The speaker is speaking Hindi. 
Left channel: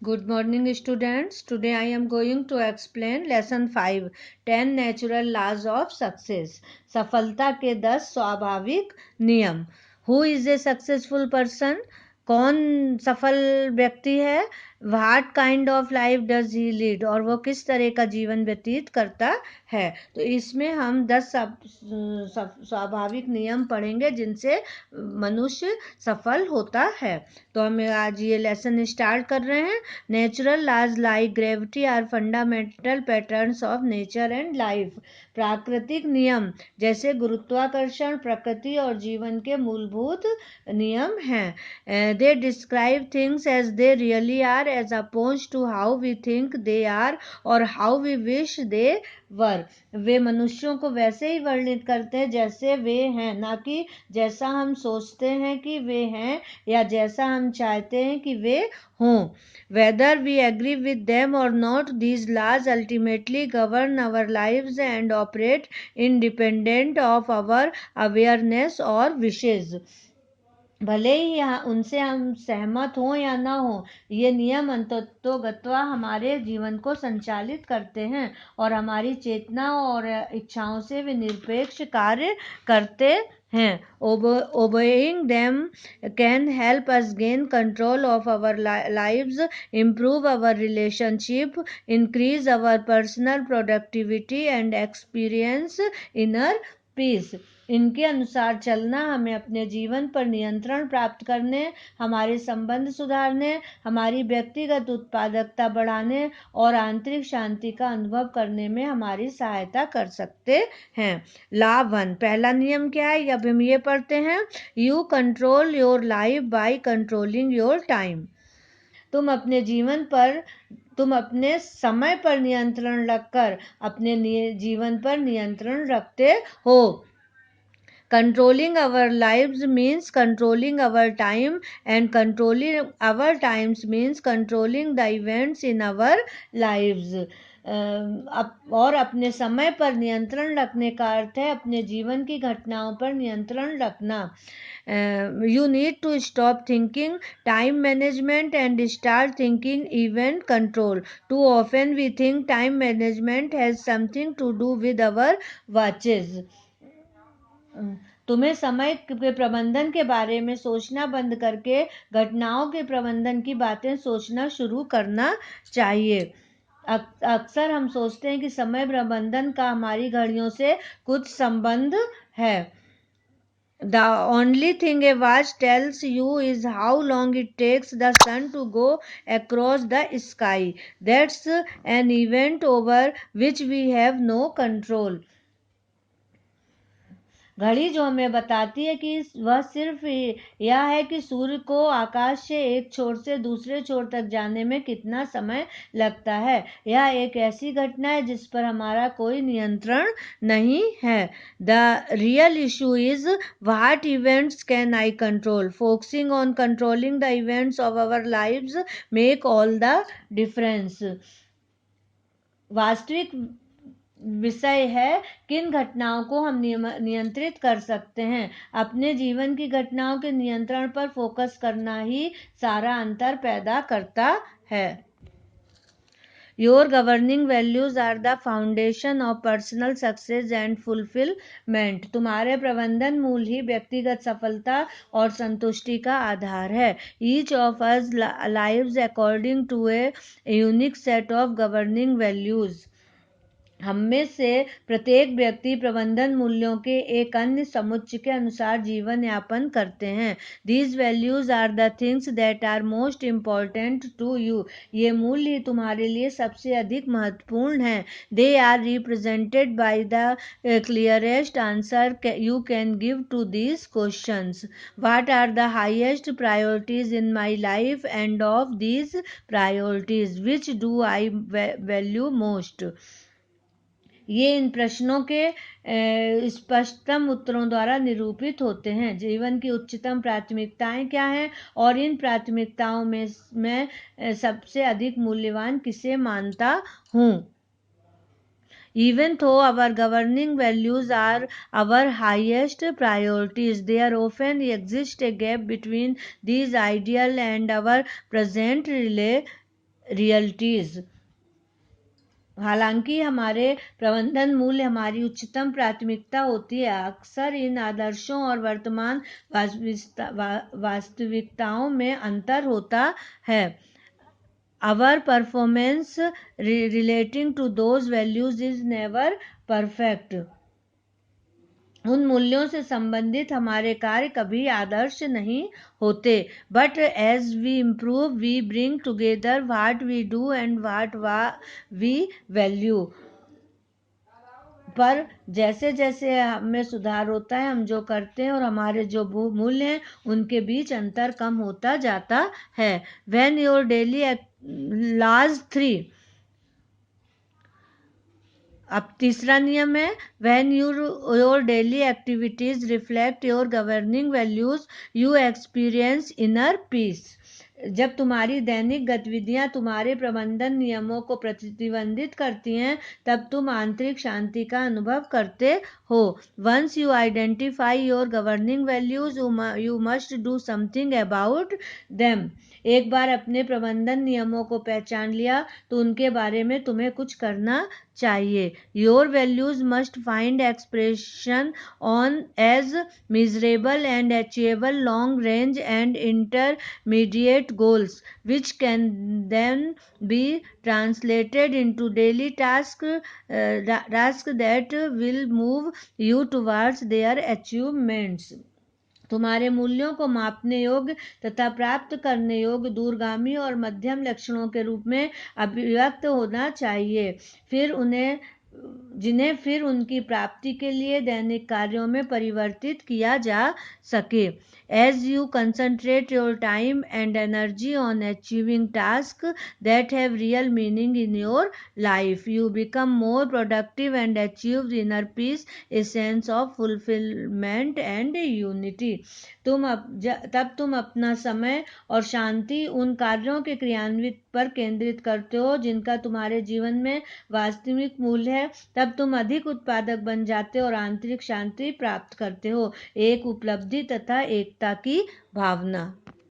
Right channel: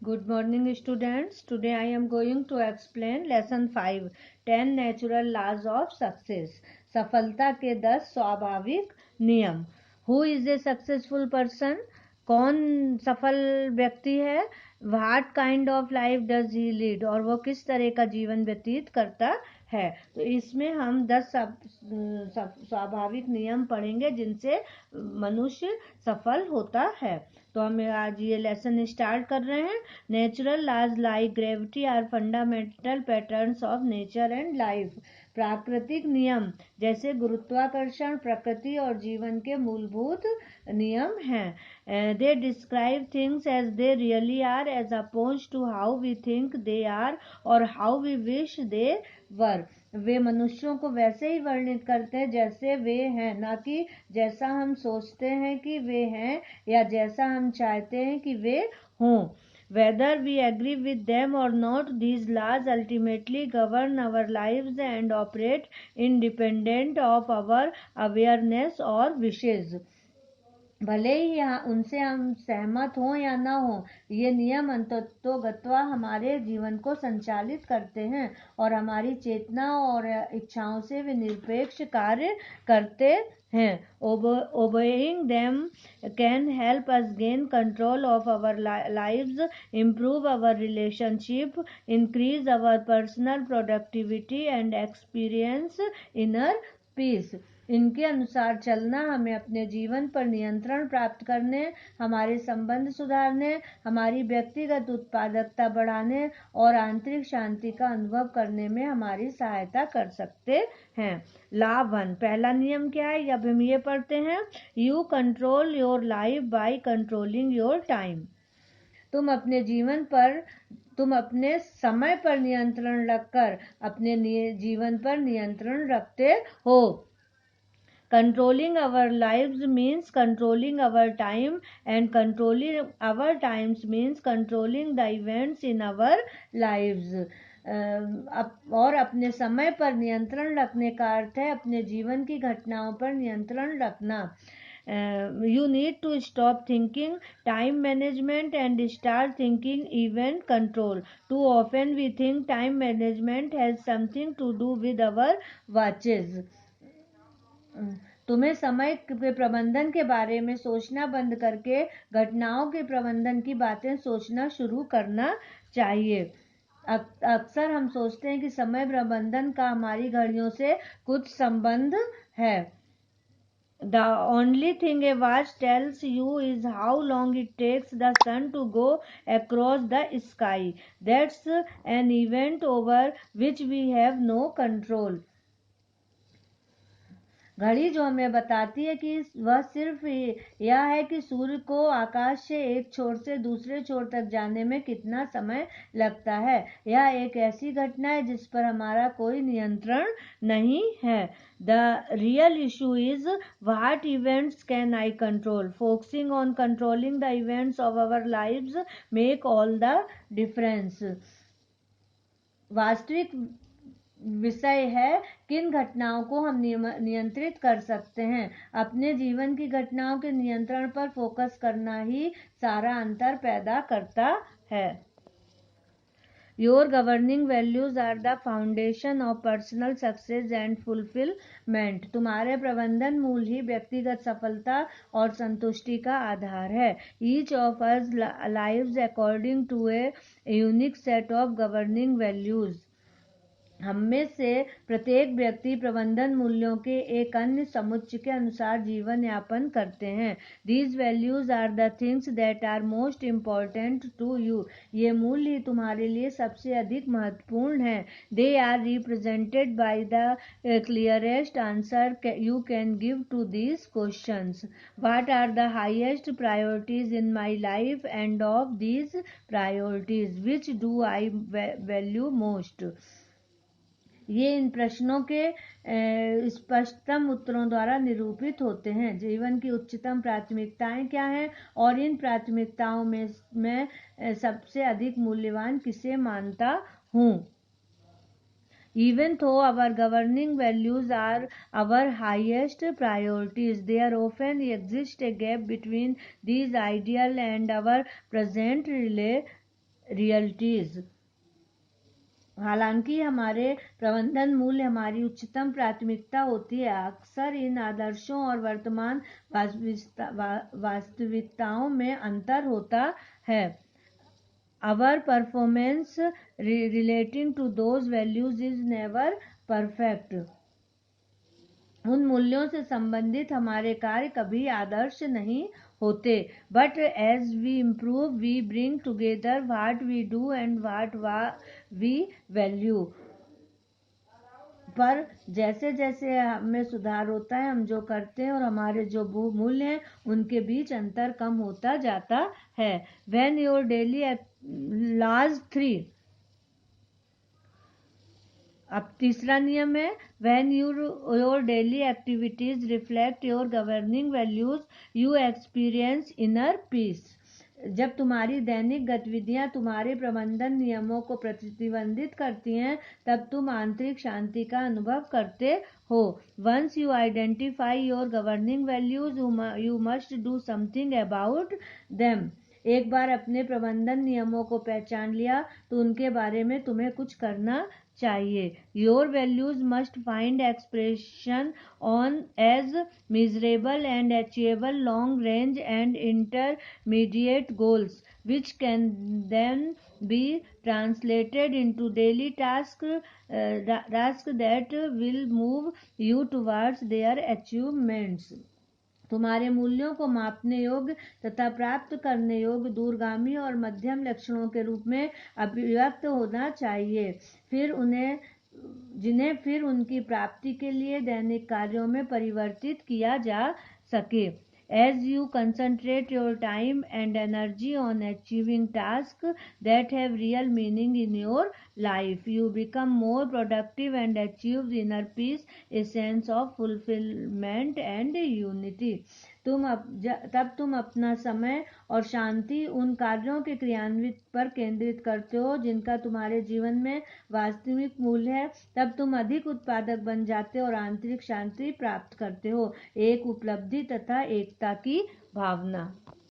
Good morning, students. Today I am going to explain lesson 5 10 natural laws of success. सफलता के 10 स्वाभाविक नियम. Who is a successful person? कौन सफल व्यक्ति है? What kind of life does he lead? और वो किस तरह का जीवन व्यतीत करता है. तो इसमें हम 10 स्वाभाविक नियम पढ़ेंगे जिनसे मनुष्य सफल होता है. तो हम आज ये लेसन स्टार्ट कर रहे हैं. Natural laws like gravity are fundamental patterns of nature and life. प्राकृतिक नियम जैसे गुरुत्वाकर्षण प्रकृति और जीवन के मूलभूत नियम हैं. They describe things as they really are as opposed to how we think they are or how we wish they were. वे मनुष्यों को वैसे ही वर्णित करते हैं जैसे वे हैं, ना कि जैसा हम सोचते हैं कि वे हैं या जैसा हम चाहते हैं कि वे हों. Whether we agree with them or not, these laws ultimately govern our lives and operate independent of our awareness or wishes. भले ही उनसे हम सहमत हों या ना हो, ये नियम अंततोगत्वा हमारे जीवन को संचालित करते हैं और हमारी चेतना और इच्छाओं से वे निरपेक्ष कार्य करते हैं. Obeying them can help us gain control of our lives, improve our relationship, increase our personal productivity and experience inner peace. इनके अनुसार चलना हमें अपने जीवन पर नियंत्रण प्राप्त करने, हमारे संबंध सुधारने, हमारी व्यक्तिगत उत्पादकता बढ़ाने और आंतरिक शांति का अनुभव करने में हमारी सहायता कर सकते हैं. लाभ 1. पहला नियम क्या है, अब हम ये पढ़ते हैं. You control your life by controlling your time. तुम अपने समय पर नियंत्रण रखकर अपने जीवन पर नियंत्रण रखते हो. Controlling our lives means controlling our time, and controlling our times means controlling the events in our lives. और अपने समय पर नियंत्रण रखने का अर्थ है अपने जीवन की घटनाओं पर नियंत्रण रखना. You need to stop thinking time management and start thinking event control. Too often we think time management has something to do with our watches. तुम्हें समय के प्रबंधन के बारे में सोचना बंद करके घटनाओं के प्रबंधन की बातें सोचना शुरू करना चाहिए. अक्सर हम सोचते हैं कि समय प्रबंधन का हमारी घड़ियों से कुछ संबंध है. The only thing a watch tells you is how long it takes the sun to go across the sky. That's an event over which we have no control. घड़ी जो हमें बताती है कि वह सिर्फ यह है कि सूर्य को आकाश से एक छोर से दूसरे छोर तक जाने में कितना समय लगता है. यह एक ऐसी घटना है जिस पर हमारा कोई नियंत्रण नहीं है. The real issue is what events can I control. Focusing on controlling the events of our lives make all the difference. वास्तविक विषय है किन घटनाओं को हम नियंत्रित कर सकते हैं. अपने जीवन की घटनाओं के नियंत्रण पर फोकस करना ही सारा अंतर पैदा करता है. Your governing values are the foundation of personal success and fulfilment. तुम्हारे प्रबंधन मूल ही व्यक्तिगत सफलता और संतुष्टि का आधार है. Each of us lives according to a unique set of governing values. हम में से प्रत्येक व्यक्ति प्रबंधन मूल्यों के एक अन्य समुच्चय के अनुसार जीवन यापन करते हैं. These values are the things that are most important to you. ये मूल्य ही तुम्हारे लिए सबसे अधिक महत्वपूर्ण हैं. They are represented by the clearest answer you can give to these questions. What are the highest priorities in my life, and of these priorities, which do I value most? ये इन प्रश्नों के स्पष्टतम उत्तरों द्वारा निरूपित होते हैं. जीवन की उच्चतम प्राथमिकताएं क्या हैं और इन प्राथमिकताओं में मैं सबसे अधिक मूल्यवान किसे मानता हूँ. Even though our governing values are our highest priorities, there often exists a gap between these ideals and our present realities. हालांकि हमारे प्रबंधन मूल्य हमारी उच्चतम प्राथमिकता होती है, अक्सर इन आदर्शों और वर्तमान वास्तविकताओं में अंतर होता है। Our performance relating to those values is never perfect. उन मूल्यों से संबंधित हमारे कार्य कभी आदर्श नहीं होते, but as we improve we bring together what we do and what we value. पर जैसे जैसे हमें सुधार होता है, हम जो करते हैं और हमारे जो मूल्य हैं उनके बीच अंतर कम होता जाता है। When your daily laws 3, अब तीसरा नियम है, when your daily activities reflect your governing values you experience inner peace। जब तुम्हारी दैनिक गतिविधियां तुम्हारे प्रबंधन नियमों को प्रतिबंधित करती हैं, तब तुम आंतरिक शांति का अनुभव करते हो। Once you identify your governing values you must do something about them। एक बार अपने प्रबंधन नियमों को पहचान लिया तो उनके बारे में तुम्हें कुछ करना चाहिए। Your values must find expression on as measurable and achievable long range and intermediate goals, which can then be translated into daily tasks that will move you towards their achievements। तुम्हारे मूल्यों को मापने योग्य तथा प्राप्त करने योग्य दूरगामी और मध्यम लक्ष्यों के रूप में अभिव्यक्त होना चाहिए, जिन्हें फिर उनकी प्राप्ति के लिए दैनिक कार्यों में परिवर्तित किया जा सके। As you concentrate your time and energy on achieving tasks that have real meaning in your life, you become more productive and achieve inner peace, a sense of fulfillment and unity। तब तुम अपना समय और शांति उन कार्यों के क्रियान्वित पर केंद्रित करते हो जिनका तुम्हारे जीवन में वास्तविक मूल्य है। तब तुम अधिक उत्पादक बन जाते हो और आंतरिक शांति प्राप्त करते हो, एक उपलब्धि तथा एकता की भावना।